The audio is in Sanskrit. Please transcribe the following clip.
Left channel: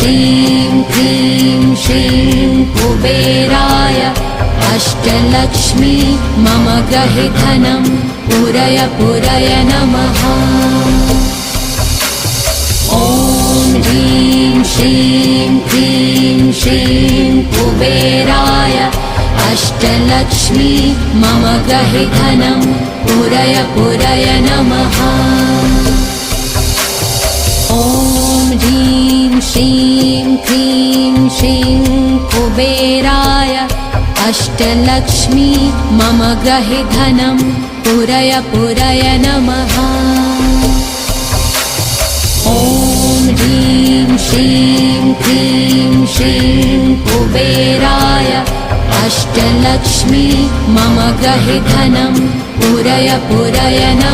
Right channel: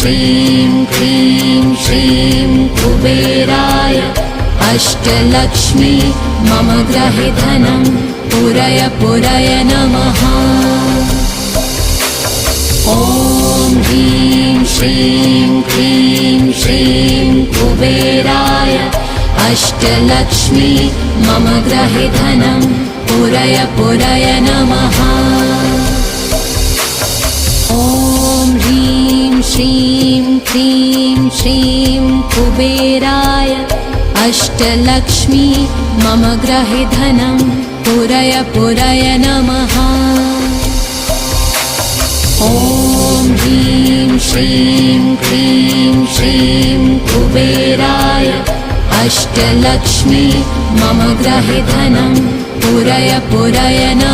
श्रीं क्लीं श्रीं कुबेराय अष्टलक्ष्मी मम गृहे धनं पूरय पूरय नमः। ॐ ह्रीं श्रीं क्लीं श्रीं कुबेराय अष्टलक्ष्मी मम गृहे धनं पूरय पूरय नमः। ॐ ह्रीं श्रीं क्लीं श्रीं कुबेराय अष्टलक्ष्मी मम गृहे धनं पूरय पूरय नमः। ॐ ह्रीं श्रीं क्लीं श्रीं कुबेराय अष्टलक्ष्मी मम गृहे धनं पूरय पूरय नमः।